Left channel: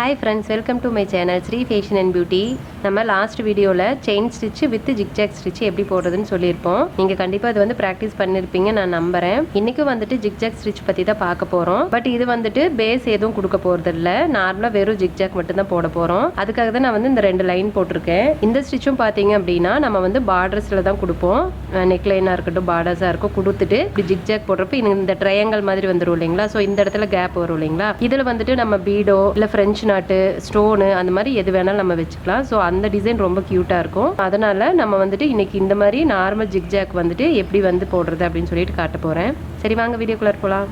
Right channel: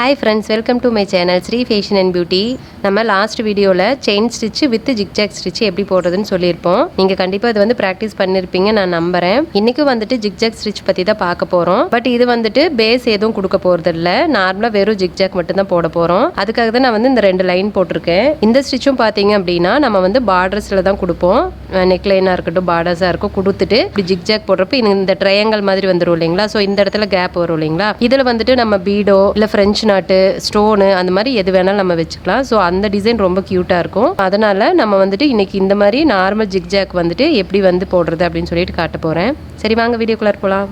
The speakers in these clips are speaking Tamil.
Hi friends, welcome to my channel Sri Fashion and Beauty. நம்ம லாஸ்ட் வீடியோவில் chain stitch with zigzag stitch எப்படி போடுறதுன்னு சொல்லியிருப்போம். நீங்கள் கண்டிப்பாக இது வந்து ப்ராக்டிஸ் பண்ணியிருப்பீங்க நான் நம்புகிறேன். இன்றைக்கி வந்துட்டு ஜிக்ஜாக் ஸ்டிச் பற்றி தான் பார்க்க போகிறோம். பட் இது வந்துட்டு பேஸ் எதுவும் கொடுக்க போகிறது இல்லை, நார்மலாக வெறும் ஜிக்ஜாக் மட்டும் தான் போட போகிறோம். அதுக்காக தான் நான் வந்து இந்த 2 லைன் போட்டிருக்கேன். இந்த ஸ்டிச்சும் பார்த்தீங்க அப்படின்னா நம்ம வந்து பார்டர்ஸில் தான் கொடுப்போம். நெக்லைனாக இருக்கட்டும், பார்டர்ஸாக இருக்கும், கொடுத்துட்டு இப்படி ஜிக்ஜாக் போடுறப்ப இந்த ட்ரையாங்கல் மாதிரி வந்துடும் இல்லைங்களா. ஸோ இந்த இடத்துல கேப் வரும் இல்லைங்களா. இதில் வந்துட்டு நம்ம பீடோ இல்லை ஃப்ரெஞ்ச் நாட்டு ஸ்டோனு அந்த மாதிரி எது வேணாலும் நம்ம வச்சுக்கலாம். ஸோ அந்த டிசைன் ரொம்ப க்யூட்டாக இருக்கும். அதனால நம்ம வந்துட்டு இன்னைக்கு இந்த மாதிரி நார்மல் ஜிக்ஜாக் வந்துட்டு எப்படி வந்து போடுறது அப்படின்னு சொல்லிட்டு காட்ட போகிறேன். சரி வாங்க வீடியோக்குள்ளே போகலாம்.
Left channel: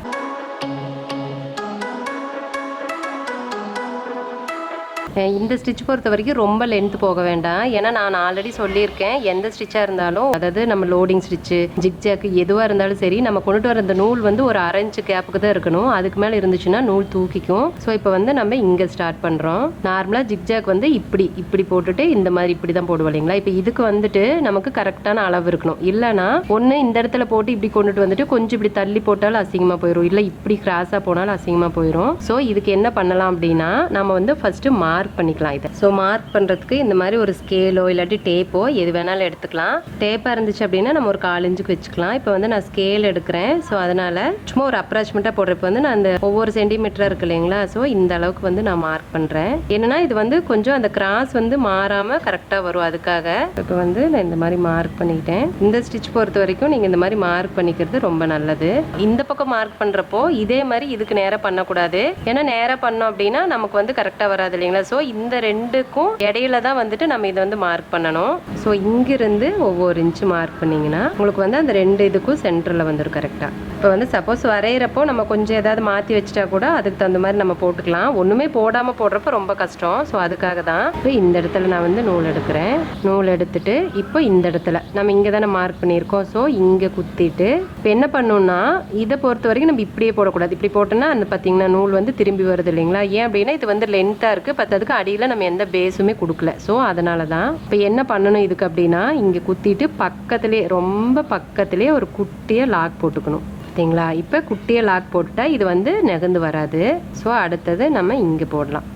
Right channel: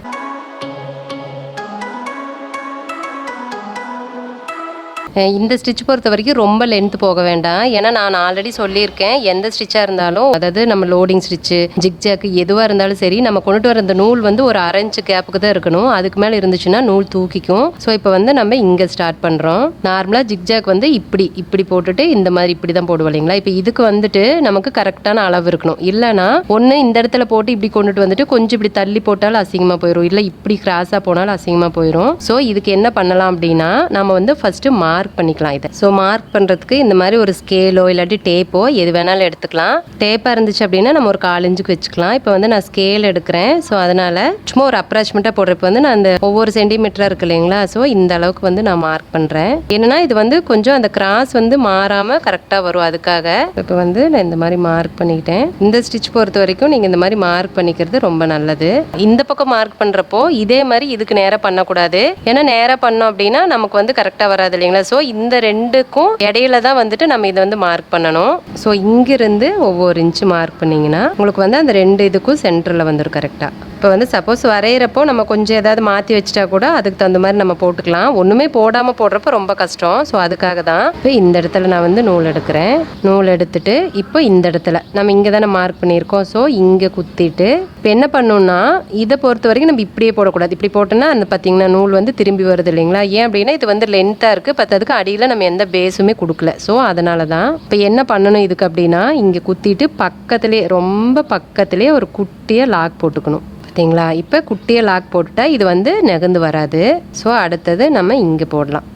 இந்த ஸ்டிச் பொறுத்த வரைக்கும் ரொம்ப லென்த் போக வேண்டாம். ஏன்னா நான் ஆல்ரெடி சொல்லியிருக்கேன், எந்த ஸ்டிச்சாக இருந்தாலும், அதாவது நம்ம லோடிங் ஸ்டிச்சு ஜிக்ஜாக்கு எதுவாக இருந்தாலும் சரி, நம்ம கொண்டுட்டு வர அந்த நூல் வந்து ஒரு 1/2 இன்ச் கேப்புக்கு தான் இருக்கணும். அதுக்கு மேலே இருந்துச்சுன்னா நூல் தூக்கிக்கும். ஸோ இப்போ வந்து நம்ம இங்கே ஸ்டார்ட் பண்ணுறோம். நார்மலாக ஜிக்ஜாக் வந்து இப்படி போட்டுட்டு இந்த மாதிரி இப்படி தான் போடுவோம் இல்லைங்களா. இப்போ இதுக்கு வந்துட்டு நமக்கு கரெக்டான அளவு இருக்கணும். இல்லைனா ஒன்று இந்த இடத்துல போட்டு இப்படி கொண்டுட்டு வந்துட்டு கொஞ்சம் இப்படி தள்ளி போட்டாலும் அசிங்கமாக போயிடும், இல்லை இப்படி கிராஸாக போனாலும் அசிங்கமாக போயிடும். ஸோ இதுக்கு என்ன பண்ணலாம் அப்படின்னா, நம்ம வந்து ஃபஸ்ட்டு மார்க் பண்ணிக்கலாம் இதை. ஸோ மார்க் பண்ணுறதுக்கு இந்த மாதிரி ஒரு ஸ்கேலோ இல்லாட்டி டேப்போ எது வேணாலும் எடுத்துக்கலாம். டேப்பாக இருந்துச்சு அப்படின்னா நம்ம ஒரு 1/4 இன்ச்சுக்கு வச்சுக்கலாம். இப்போ வந்து நான் ஸ்கேல் எடுக்கிறேன். ஸோ அதனால் சும்மா ஒரு அப்ராச்மெண்ட்டாக போடுறப்ப வந்து நான் அந்த ஒவ்வொரு சென்டிமீட்டராக இருக்கு இல்லைங்களா. ஸோ இந்த அளவுக்கு வந்து நான் மார்க் பண்ணுறேன். என்னன்னா இது வந்து கொஞ்சம் அந்த கிராஸ் வந்து மாறாமல் கரெக்டாக வரும். அதுக்காக இப்போ வந்து நான் இந்த மாதிரி மார்க் பண்ணிக்கிட்டேன். இந்த ஸ்டிச் பொறுத்த வரைக்கும் நீங்கள் இந்த மாதிரி மார்க் பண்ணிக்கிறது ரொம்ப நல்லது. இந்த பக்கம் மார்க் பண்ணுறப்போ இதே மாதிரி இதுக்கு நேராக பண்ணக்கூடாது. ஏன்னா நேராக பண்ணோம் அப்படின்னா நமக்கு வந்து கரெக்டாக வராது இல்லைங்களா. ஸோ இந்த 2க்கும் இடையில தான் வந்துட்டு நம்ம இதை வந்து மார்க் பண்ணணும். ஸோ இங்கிருந்து ஒவ்வொரு இன்ச்சு மார்க் பண்ணிங்கன்னா உங்களுக்கு வந்து அந்த 2 இதுக்கும் சென்டரில் வந்துடும் கரெக்டாக. இப்போ வந்து சப்போஸ் வரைகிறப்போ நம்ம கொஞ்சம் ஏதாவது மாற்றி வச்சுட்டா கூட அதுக்கு தகுந்த மாதிரி நம்ம போட்டுக்கலாம். ஒன்றுமே போடாமல் போடுறப்ப ரொம்ப கஷ்டம். ஸோ அதுக்காக தான் இப்போ இந்த இடத்துல நான் வந்து நூல் எடுக்கிறேன். நூல் எடுத்துட்டு இப்போ இந்த இடத்துல நம்ம இங்கே தானே மார்க் பண்ணியிருக்கோம். ஸோ இங்கே குத்திட்டு இப்போ என்ன பண்ணணும்னா, இதை பொறுத்த வரைக்கும் நம்ம இப்படியே போடக்கூடாது. இப்படி போட்டோன்னா அந்த பார்த்தீங்கன்னா நூல் வந்து திரும்பி வருது இல்லைங்களா. ஏன் அப்படின்னா இது வந்து லென்த்தாக இருக்குது, பத்ததுக்கு அடியில் நம்ம எந்த பேஸுமே கொடுக்கல. ஸோ அதனால தான் இப்போ என்ன பண்ணணும் இதுக்கு அப்படின்னா, இங்கே குத்திட்டு பக்கத்துலேயே ரொம்ப பக்கத்துலேயே ஒரு குட்டியாக லாக் போட்டுக்கணும். பார்த்தீங்களா. இப்போ குட்டியை லாக் போட்டுட்டா இது வந்து நகர்ந்து வராது. ஸோ அடுத்தது நம்ம இங்கே போடலாம்.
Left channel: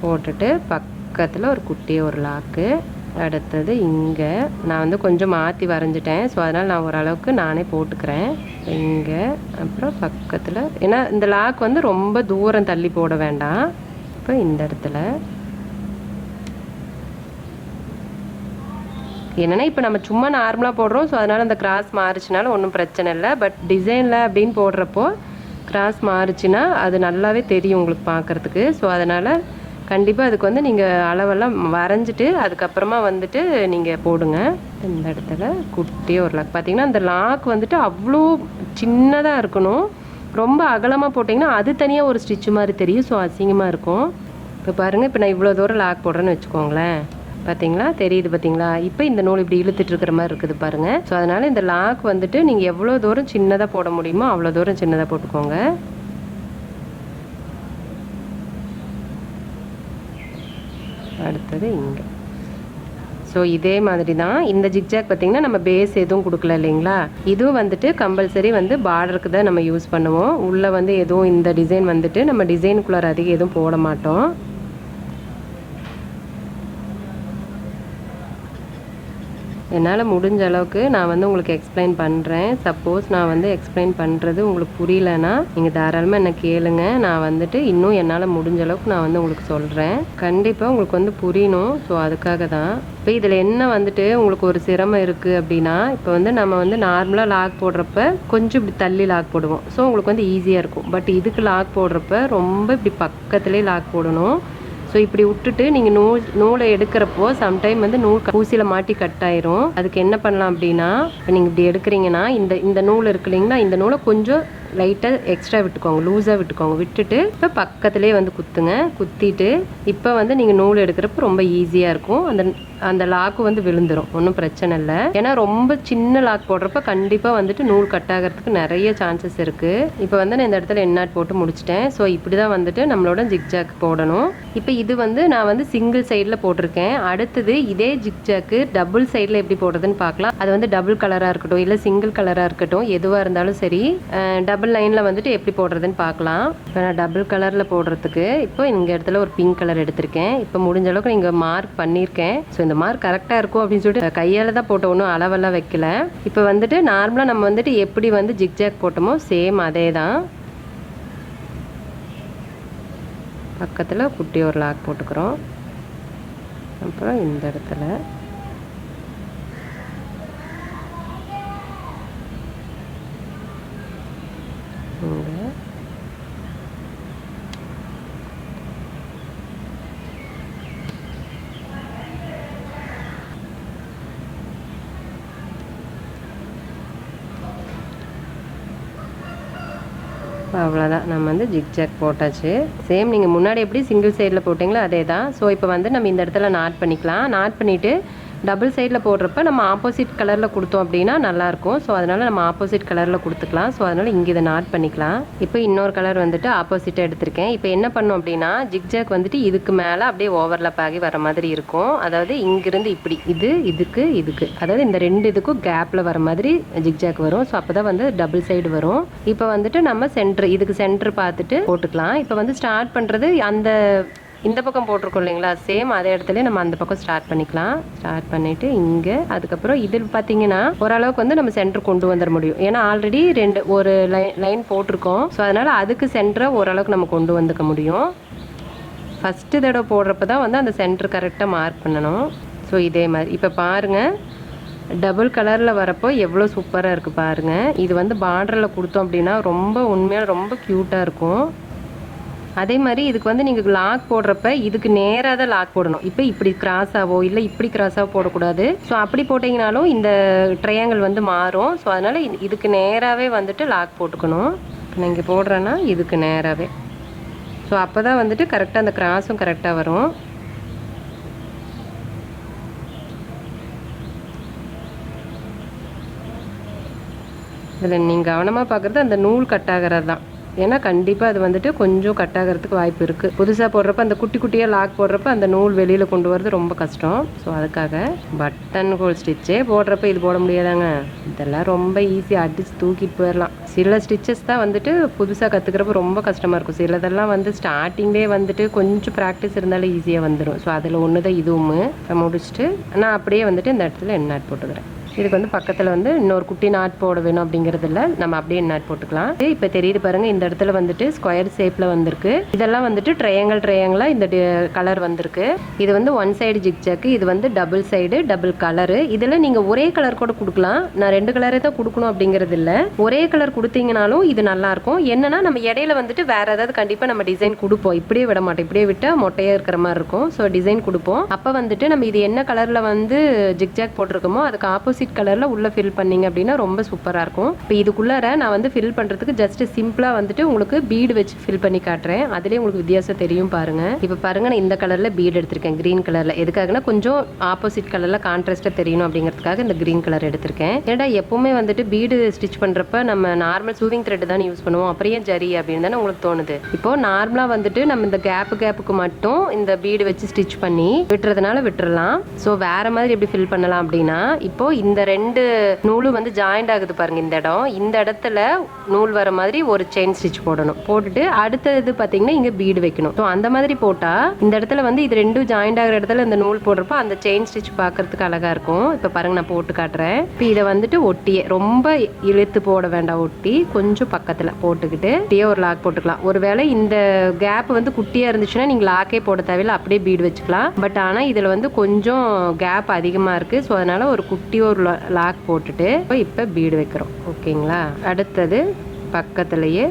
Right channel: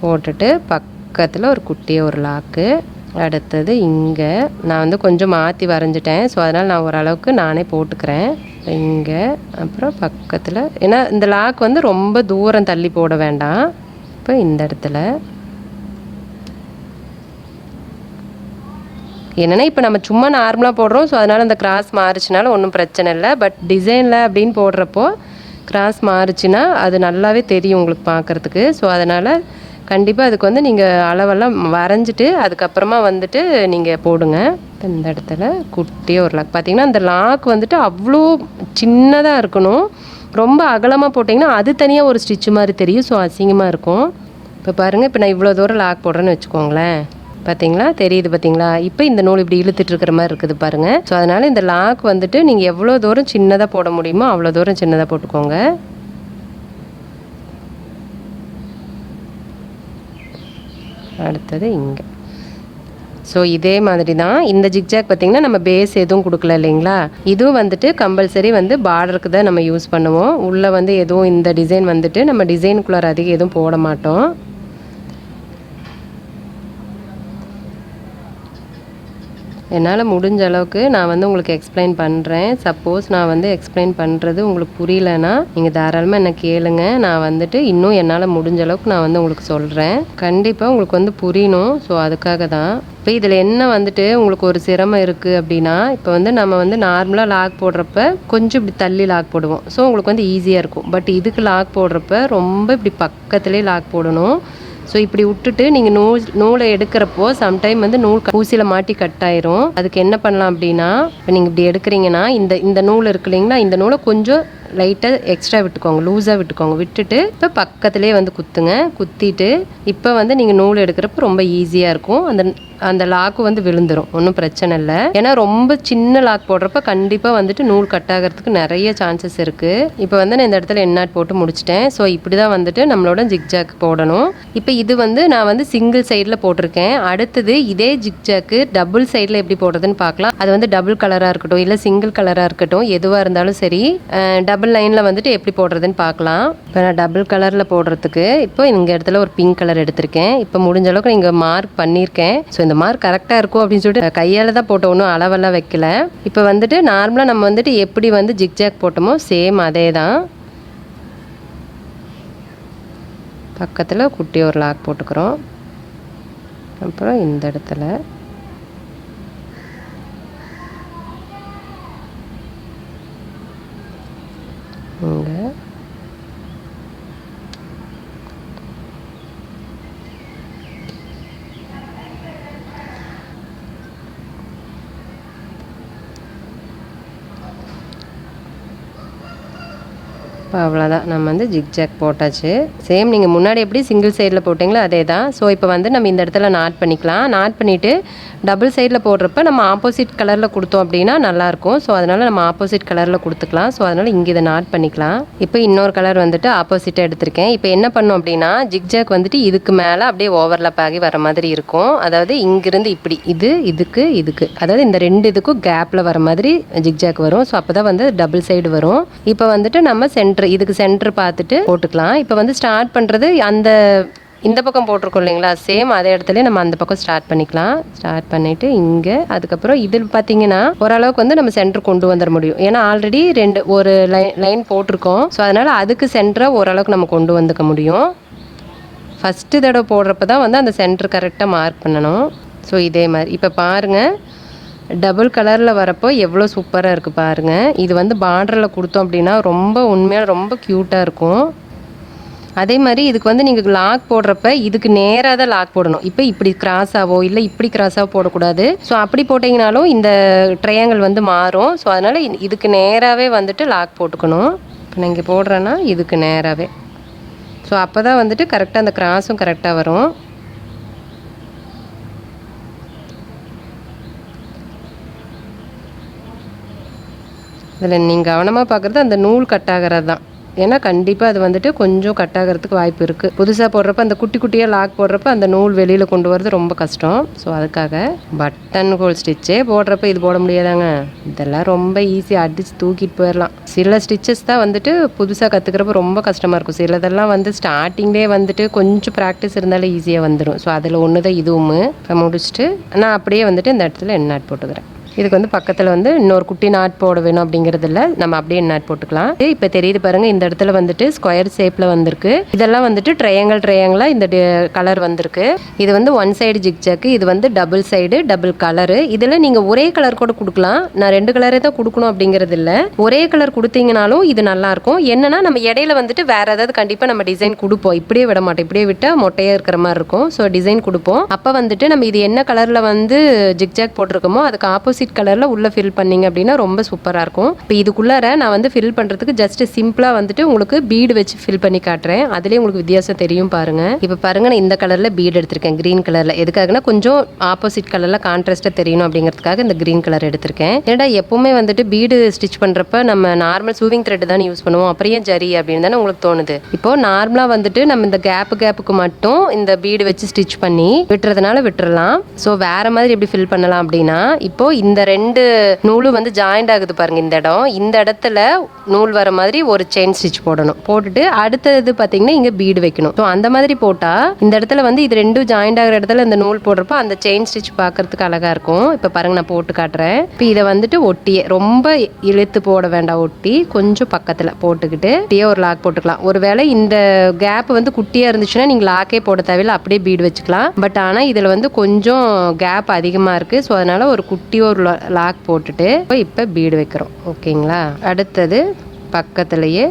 போட்டுட்டு பக்கத்தில் ஒரு குட்டியை ஒரு லாக்கு. அடுத்தது இங்கே நான் வந்து கொஞ்சம் மாற்றி வரைஞ்சிட்டேன். ஸோ அதனால் நான் ஓரளவுக்கு நானே போட்டுக்கிறேன் இங்கே. அப்புறம் பக்கத்தில், ஏன்னா இந்த லாக் வந்து ரொம்ப தூரம் தள்ளி போட வேண்டாம். இப்போ இந்த இடத்துல என்னென்னா இப்போ நம்ம சும்மா நார்மலாக போடுறோம். ஸோ அதனால் அந்த கிராஸ் மாறுச்சுனாலும் ஒன்றும் பிரச்சனை இல்லை. பட் டிசைனில் அப்படின்னு போடுறப்போ கிராஸ் மாறுச்சுன்னா அது நல்லாவே தெரியும் உங்களுக்கு பார்க்குறதுக்கு. ஸோ அதனால் கண்டிப்பாக அதுக்கு வந்து நீங்கள் அளவெல்லாம் வரைஞ்சிட்டு அதுக்கப்புறமா வந்துட்டு நீங்கள் போடுங்க. இந்த இடத்துல குட்டியாக ஒரு லாக். பார்த்தீங்கன்னா அந்த லாக் வந்துட்டு அவ்வளோ சின்னதாக இருக்கணும். ரொம்ப அகலமாக போட்டிங்கன்னா அது தனியாக ஒரு ஸ்டிச்சு மாதிரி தெரியும். ஸோ அசிங்கமாக இருக்கும். இப்போ பாருங்கள், இப்போ நான் இவ்வளோ தூரம் லாக் போடுறேன்னு வச்சுக்கோங்களேன். பார்த்தீங்களா, தெரியுது பார்த்தீங்களா. இப்போ இந்த நூல் இப்படி இழுத்துட்டு இருக்கிற மாதிரி இருக்குது பாருங்கள். ஸோ அதனால் இந்த லாக் வந்துட்டு நீங்கள் எவ்வளோ தூரம் சின்னதாக போட முடியுமோ அவ்வளோ தூரம் சின்னதாக போட்டுக்கோங்க. அடுத்தது இங்கே. ஸோ இதே மாதிரி தான் இந்த ஜிக்ஜாக் பார்த்திங்கன்னா நம்ம பேஸ் எதுவும் கொடுக்கல இல்லைங்களா. இதுவும் வந்துட்டு கம்பல்சரி வந்து பார்டருக்கு தான் நம்ம யூஸ் பண்ணுவோம். உள்ளே வந்து எதுவும் இந்த டிசைன் வந்துட்டு நம்ம டிசைனுக்குள்ளார அதிகம் எதுவும் போட மாட்டோம். என்னால் முடிஞ்ச அளவுக்கு நான் வந்து உங்களுக்கு எக்ஸ்பிளைன் பண்ணுறேன். சப்போஸ் நான் வந்து எக்ஸ்பிளைன் பண்ணுறது உங்களுக்கு புரியலன்னா நீங்கள் தாராளமாக என்ன கேளுங்க. நான் வந்துட்டு இன்னும் என்னால் முடிஞ்ச அளவுக்கு நான் வந்து உங்களுக்கு சொல்கிறேன். கண்டிப்பாக உங்களுக்கு வந்து புரியணும். ஸோ அதுக்காக தான். இப்போ இதில் என்ன வந்துட்டு உங்களுக்கு ஒரு சிரமம் இருக்குது அப்படின்னா, இப்போ வந்து நம்ம வந்து நார்மலாக லாக் போடுறப்ப கொஞ்சம் இப்படி தள்ளி லாக் போடுவோம். ஸோ உங்களுக்கு வந்து ஈஸியாக இருக்கும். பட் இதுக்கு லாக் போடுறப்ப ரொம்ப இப்படி பக்கத்துலேயே லாக் போடணும். ஸோ இப்படி விட்டுட்டு நீங்கள் நூலை எடுக்கிறப்போ சம்டைம் வந்து நூல் ஊசியில் மாட்டி கட் ஆயிரும். அதுக்கு என்ன பண்ணலாம் அப்படின்னா, இப்போ நீங்கள் இப்படி எடுக்கிறீங்கன்னா இந்த நூல் இருக்கு இல்லைங்களா, இந்த நூலை கொஞ்சம் லைட்டாக எக்ஸ்ட்ரா விட்டுக்கோங்க, லூஸாக விட்டுக்கோங்க. விட்டுட்டு இப்போ பக்கத்துலேயே வந்து குத்துங்க. குத்திட்டு இப்போ வந்து நீங்கள் நூல் எடுக்கிறப்ப ரொம்ப ஈஸியாக இருக்கும். அந்த அந்த லாக்கு வந்து விழுந்துரும், ஒன்றும் பிரச்சனை இல்லை. ஏன்னா ரொம்ப சின்ன லாக் போடுறப்ப கண்டிப்பாக வந்துட்டு நூல் கட் ஆகிறதுக்கு நிறைய சான்சஸ் இருக்குது. இப்போ வந்து நான் இந்த இடத்துல எண்ணாட் போட்டு முடிச்சிட்டேன். ஸோ இப்படி தான் வந்துட்டு நம்மளோட ஜிக்ஜாக் போடணும். இப்போ இது வந்து நான் வந்து சிங்கிள் சைடில் போட்டிருக்கேன். அடுத்தது இதே ஜிக்ஜாக்கு டபுள் சைடில் எப்படி போடுறதுன்னு பார்க்கலாம். அது வந்து டபுள் கலராக இருக்கட்டும் இல்லை சிங்கிள் கலராக இருக்கட்டும், எதுவாக இருந்தாலும் சரி, டபுள் லைனில் வந்துட்டு எப்படி போடுறதுன்னு பார்க்கலாம். இப்போ நான் டபுள் கலரில் போடுறதுக்கு இப்போ இந்த இடத்துல ஒரு பிங்க் கலர் எடுத்திருக்கேன். இப்போ முடிஞ்ச அளவுக்கு நீங்கள் மார்க் பண்ணியிருக்கேன். ஸோ இந்த மார்க் கரெக்டாக இருக்கும் அப்படின்னு சொல்லிட்டு கையால் தான் போட்ட, ஒன்றும் அளவெல்லாம் வைக்கல. இப்போ வந்துட்டு நார்மலாக நம்ம வந்துட்டு எப்படி வந்து ஜிக்ஜாக் போட்டோமோ சேம் அதே தான். பக்கத்தில் குட்டி ஒரு லாக் போட்டுக்கிறோம். அப்புறம் இந்த இடத்துல இங்கே இப்போ அவ்வளோதான், நம்ம வந்து ஜிக்ஜாக் போட்டாச்சு. சேம் நீங்கள் முன்னாடி எப்படி சிங்கிள் சைடில் போட்டிங்களோ அதே தான். ஸோ இப்போ வந்து நம்ம இந்த இடத்துல நாட் பண்ணிக்கலாம். நாட் பண்ணிவிட்டு டபுள் சைடில் போடுறப்ப நம்ம ஆப்போசிட் கலரில் கொடுத்தோம் அப்படின்னா நல்லாயிருக்கும். ஸோ அதனால் நம்ம ஆப்போசிட் கலரில் கொடுத்துக்கலாம். ஸோ அதனால் இங்கே இதை நாட் பண்ணிக்கலாம். இப்போ இன்னொரு கலர் வந்துட்டு ஆப்போசிட்டாக எடுத்திருக்கேன். இப்போ என்ன பண்ணோம் அப்படின்னா ஜிக்ஜாக் வந்துட்டு இதுக்கு மேலே அப்படியே ஓவர்லாப் ஆகி வர மாதிரி இருக்கும். அதாவது இங்கிருந்து இப்படி இதுக்கு அதாவது இந்த ரெண்டு இதுக்கும் கேப்பில் வர மாதிரி ஜிக்ஜாக் வரும். ஸோ அப்போ தான் வந்து டபுள் சைடு வரும். இப்போ வந்துட்டு நம்ம இதுக்கு சென்டர் பார்த்துட்டு போட்டுக்கலாம். இப்போ வந்து ஸ்டார்ட் பண்ணுறது இந்த பக்கம் போட்டிருக்கோம் இல்லைங்களா, சேம் அதே இடத்துல நம்ம அந்த பக்கம் ஸ்டார்ட் பண்ணிக்கலாம். ஸ்டார்ட் பண்ணிவிட்டு இங்கே அதுக்கப்புறம் இதில் பார்த்தீங்கன்னா ஓரளவுக்கு வந்து நம்ம சென்டர் கொண்டு வந்துட முடியும். ஏன்னா ஆல்ரெடி ஒரு லைன் போட்டிருக்கோம். ஸோ அதனால் அதுக்கு சென்டரை ஓரளவுக்கு நம்ம கொண்டு வந்துக்க முடியும். ஃபஸ்ட்டு தடவை போடுறப்ப தான் வந்து அந்த சென்டர் கரெக்டாக மார்க் பண்ணணும். ஸோ இதே மாதிரி இப்போ பாருங்கள், டபுள் கலரில் வரப்போ எவ்வளோ சூப்பராக இருக்குது பாருங்கள். இது வந்து பார்டரில் கொடுத்தோம் அப்படின்னா உண்மையாக ரொம்ப க்யூட்டாக இருக்கும். அதே மாதிரி இதுக்கு வந்து நீங்கள் லாக் போடுறப்ப இதுக்கு நேராக தான் லாக் போடணும். இப்போ இப்படி கிராஸாவோ இல்லை இப்படி கிராஸாவோ போடக்கூடாது. ஸோ அப்படி போட்டிங்கனாலும் இந்த ட்ரையாங்கிள் வந்து மாறும். ஸோ அதனால் இதுக்கு நேராகவே வந்துட்டு லாக் போட்டுக்கணும். இப்போ நான் இங்கே போடுறேன்னா இதுக்கு நேராகவே. ஸோ அப்போ தான் வந்துட்டு கரெக்டாக அந்த கிராஸும் கரெக்டாக வரும். இதில் நீங்கள் கவனமாக பார்க்குறது அந்த நூல் கட் ஆகிறது தான். ஏன்னா கண்டிப்பாக அது வந்துட்டு கொஞ்சம் கட் ஆகிறதுக்கு வாய்ப்பு இருக்குது. புதுசாக போடுறப்ப அந்த குட்டி குட்டியாக லாக் போடுறப்ப அந்த நூல் வெளியில் கொண்டு வரது ரொம்ப கஷ்டம். ஸோ அதுக்காக பட்டன் ஹோல் ஸ்டிச்சே போடுறப்ப இது போட முடியாதாங்க. இதெல்லாம் ரொம்ப ஈஸியாக அடிச்சு தூக்கிட்டு போயிடலாம். சில ஸ்டிச்சஸ் தான் வந்துட்டு புதுசாக கற்றுக்கிறப்ப ரொம்ப கஷ்டமாக இருக்கும். சிலதெல்லாம் வந்து ஸ்டார்டிங்லேயே வந்துட்டு கொஞ்சம் ப்ராக்டிஸ் இருந்தாலே ஈஸியாக வந்துடும். ஸோ அதில் ஒன்று தான் இதுவும். இப்போ முடிச்சுட்டு நான் அப்படியே வந்துட்டு இந்த இடத்துல எண்ணாட் போட்டுக்கிறேன். இதுக்கு வந்து பக்கத்தில் வந்து இன்னொரு குட்டி நாட் போட வேணும் அப்படிங்கிறது இல்லை, நம்ம அப்படியே நாட் போட்டுக்கலாம். இப்போ தெரியுது பாருங்கள், இந்த இடத்துல வந்துட்டு ஸ்கொயர் ஷேப்பில் வந்திருக்கு. இதெல்லாம் வந்துட்டு ட்ரையாங்கிளாக இந்த கலர் வந்திருக்கு. இது வந்து ஒன் சைடு ஜிக்ஜாக்கு, இது வந்து டபுள் சைடு டபுள் கலரு. இதில் நீங்கள் ஒரே கலர் கூட கொடுக்கலாம். நான் 2 கலரே தான் கொடுக்கணும் அப்படிங்கிறது இல்லை, ஒரே கலர் கொடுத்தீங்கனாலும் இது நல்லாயிருக்கும். என்னன்னா நம்ம இடையில வந்துட்டு வேறு ஏதாவது கண்டிப்பாக நம்ம டிசைன் கொடுப்போம். இப்படியே விட மாட்டோம், இப்படியே விட்டால் மொட்டையாக இருக்கிற மாதிரி இருக்கும். ஸோ டிசைன் கொடுப்போம். அப்போ வந்துட்டு நம்ம இது என்ன கலரில் வந்து ஜிக்ஜாக் போட்டிருக்கோமோ அதுக்கு ஆப்போசிட் கலரில் உள்ளே ஃபில் பண்ணிங்க அப்படின்னா ரொம்ப சூப்பராக இருக்கும். இப்போ இதுக்குள்ளார நான் வந்து ஃபில் பண்ணுறதுக்கு ஜஸ்ட் சிம்பிளாக வந்துட்டு உங்களுக்கு பீடு வச்சு ஃபில் பண்ணி காட்டுறேன். அதுலேயே உங்களுக்கு வித்தியாசம் தெரியும் பாருங்கள். இப்போ பாருங்கள், நான் இந்த கலரில் பீடு எடுத்திருக்கேன், க்ரீன் கலரில். எதுக்காகனா கொஞ்சம் ஆப்போசிட் கலரில் கான்ட்ராஸ்ட்டாக தெரியணும் அப்படிங்கிறதுக்காக இந்த க்ரீன் கலர் எடுத்திருக்கேன். ஏன்னா எப்போவுமே வந்துட்டு பீடு ஸ்டிச் பண்ணுறப்ப நம்ம நார்மல் சூவிங் த்ரெட் தான் யூஸ் பண்ணுவோம். அப்புறம் ஏன் ஜரி அப்படின்னு தானே உங்களுக்கு தோணுது. இப்போ நார்மலாக வந்துட்டு நம்ம இந்த கேப்புக்கு மட்டும் இந்த பீடு வச்சு ஸ்டிச் பண்ணி விட்டுறதுனால விட்டுறலாம். ஸோ வேறு மாதிரி எப்படி ஃபில் பண்ணலாம் அப்படின்னா, இப்போ இந்த 2 நூலும் வந்து ஜாயிண்ட் ஆகுது பாருங்க. இந்த இடத்துல நூல் வர மாதிரி ஒரு செயின் ஸ்டிச் போடணும். போட்டுட்டு அடுத்தது பார்த்தீங்கன்னா இங்கே பீடு வைக்கணும். ஸோ அந்த மாதிரி போட்டால் இந்த இடத்துல வந்து இது 2 ஜாயிண்ட் ஆகிற இடத்துல இந்த நூல் போடுறப்போ அந்த செயின் ஸ்டிச் பார்க்கறதுக்கு அழகாக இருக்கும். இப்போ பாருங்க, நான் போட்டு காட்டுறேன். இப்போ இதை வந்துட்டு ஒட்டியே ரொம்ப இழுத்து போட வேண்டாம், ஒட்டி கொஞ்சம் பக்கத்தில் போட்டுக்கிட்டு ஒரு லாக் போட்டுக்கலாம். ஒருவேளை இந்த கேப் வந்து குட்டியாக இருந்துச்சுன்னா நீங்கள் லாக்கே போட தேவையில்லை, அப்படியே பீடு வச்சுக்கலாம். பட் ஆனால் இதில் வந்து கொஞ்சம் கேப் அதிகமாக இருக்குது. ஸோ அதனால் ஒரு குட்டி ஒரு லாக் போட்டுட்டு இப்போ பீடு வைக்கிறோம். ஓகேங்களா, அடுத்தது பக்கத்துலேயே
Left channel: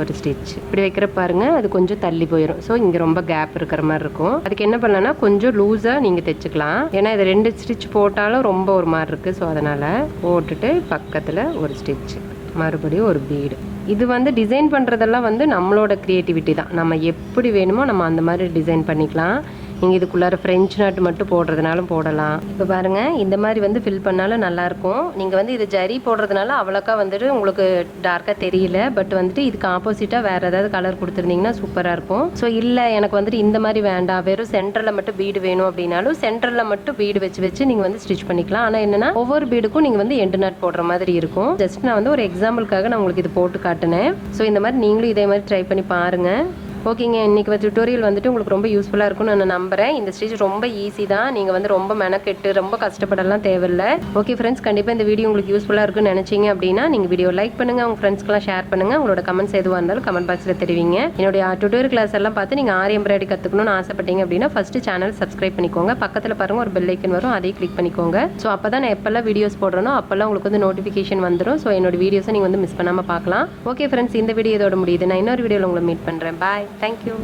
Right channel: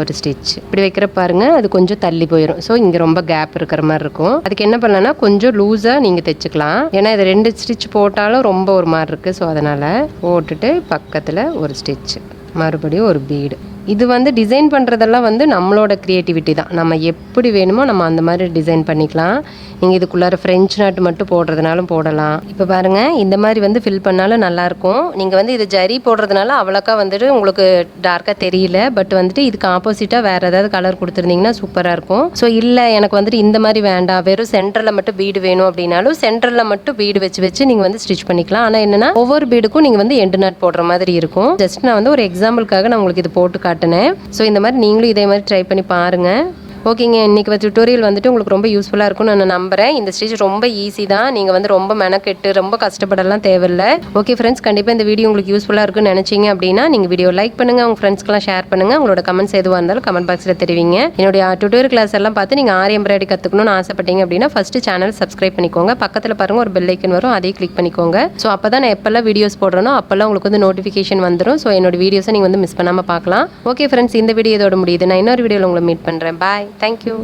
ஒரு ஸ்டிச் இப்படி வைக்கிற பாருங்க, அது கொஞ்சம் தள்ளி போயிடும். ஸோ இங்கே ரொம்ப கேப் இருக்கிற மாதிரி இருக்கும். அதுக்கு என்ன பண்ணலாம்னா கொஞ்சம் லூஸாக நீங்கள் தைச்சிக்கலாம். ஏன்னா இது 2 ஸ்டிச் போட்டாலும் ரொம்ப ஒரு மாதிரி இருக்குது. ஸோ அதனால் போட்டுட்டு பக்கத்தில் ஒரு ஸ்டிச், மறுபடியும் ஒரு பீடு. இது வந்து டிசைன் பண்ணுறதெல்லாம் வந்து நம்மளோட க்ரியேட்டிவிட்டி தான். நம்ம எப்படி வேணுமோ நம்ம அந்த மாதிரி டிசைன் பண்ணிக்கலாம். நீங்கள் இதுக்குள்ளார ஃப்ரெஞ்ச் நாட் மட்டும் போடுறதுனாலும் போடலாம். இப்போ பாருங்கள், இந்த மாதிரி வந்து ஃபில் பண்ணாலும் நல்லாயிருக்கும். நீங்கள் வந்து இது ஜரி போடுறதுனால அவ்வளோக்கா வந்துட்டு உங்களுக்கு டார்க்காக தெரியல. பட் வந்துட்டு இதுக்கு ஆப்போசிட்டாக வேறு ஏதாவது கலர் கொடுத்துருந்தீங்கன்னா சூப்பராக இருக்கும். ஸோ இல்லை எனக்கு வந்துட்டு இந்த மாதிரி வேண்டாம், வெறும் சென்டரில் மட்டும் பீடு வேணும் அப்படின்னாலும் சென்டரில் மட்டும் பீடு வச்சு நீங்கள் வந்து ஸ்டிச் பண்ணிக்கலாம். ஆனால் என்னென்னா ஒவ்வொரு பீடுக்கும் நீங்கள் வந்து எண்டு நாட் போடுற மாதிரி இருக்கும். ஜஸ்ட் நான் வந்து ஒரு எக்ஸாம்பிளுக்காக நான் உங்களுக்கு இது போட்டு காட்டினேன். ஸோ இந்த மாதிரி நீங்களும் இதே மாதிரி ட்ரை பண்ணி பாருங்கள். ஓகேங்க, இன்றைக்கி டியூட்டோரியல் வந்துட்டு உங்களுக்கு ரொம்ப யூஸ்ஃபுல்லாக இருக்கும்னு நான் நம்புகிறேன். இந்த ஸ்டிச் ரொம்ப ஈஸி தான். நீங்கள் வந்து ரொம்ப மெனக்கெட்டு ரொம்ப கஷ்டப்படலாம் தேவையில்லை. ஓகே ஃப்ரெண்ட்ஸ், கண்டிப்பாக இந்த வீடியோ உங்களுக்கு யூஸ்ஃபுல்லாக இருக்குன்னு நினச்சிங்க அப்படின்னா நீங்கள் வீடியோ லைக் பண்ணுங்கள், உங்கள் ஃப்ரெண்ட்ஸ்க்கெலாம் ஷேர் பண்ணுங்கள். உங்களோட கமெண்ட்ஸ் எதுவாக இருந்தாலும் கமெண்ட் பாக்ஸில் தெரிவிங்க. என்னுடைய டியூட்டோரியல் கிளாஸ் எல்லாம் பார்த்து நீங்கள் ஆரி எம்ப்ராய்டரி கற்றுக்கணும்னு ஆசைப்பட்டீங்க அப்படின்னா ஃபஸ்ட்டு சேனல் சப்ஸ்கிரைப் பண்ணிக்கோங்க. பக்கத்தில் பாருங்கள் ஒரு பெல் ஐக்கன் வரும், அதையும் கிளிக் பண்ணிக்கோங்க. ஸோ அப்போ தான் நான் எப்போல்லாம் வீடியோஸ் போடுறேனோ அப்போல்லாம் உங்களுக்கு வந்து நோட்டிஃபிகேஷன் வந்துடும். ஸோ என்னோட வீடியோஸை நீங்கள் வந்து மிஸ் பண்ணாமல் பார்க்கலாம். ஓகே ஃப்ரெண்ட்ஸ், இந்த வீடியோ இதோட முடியுது. நான் இன்னொரு வீடியோவில் உங்களை மீட் பண்ணுறேன். பாய், தேங்க்யூ.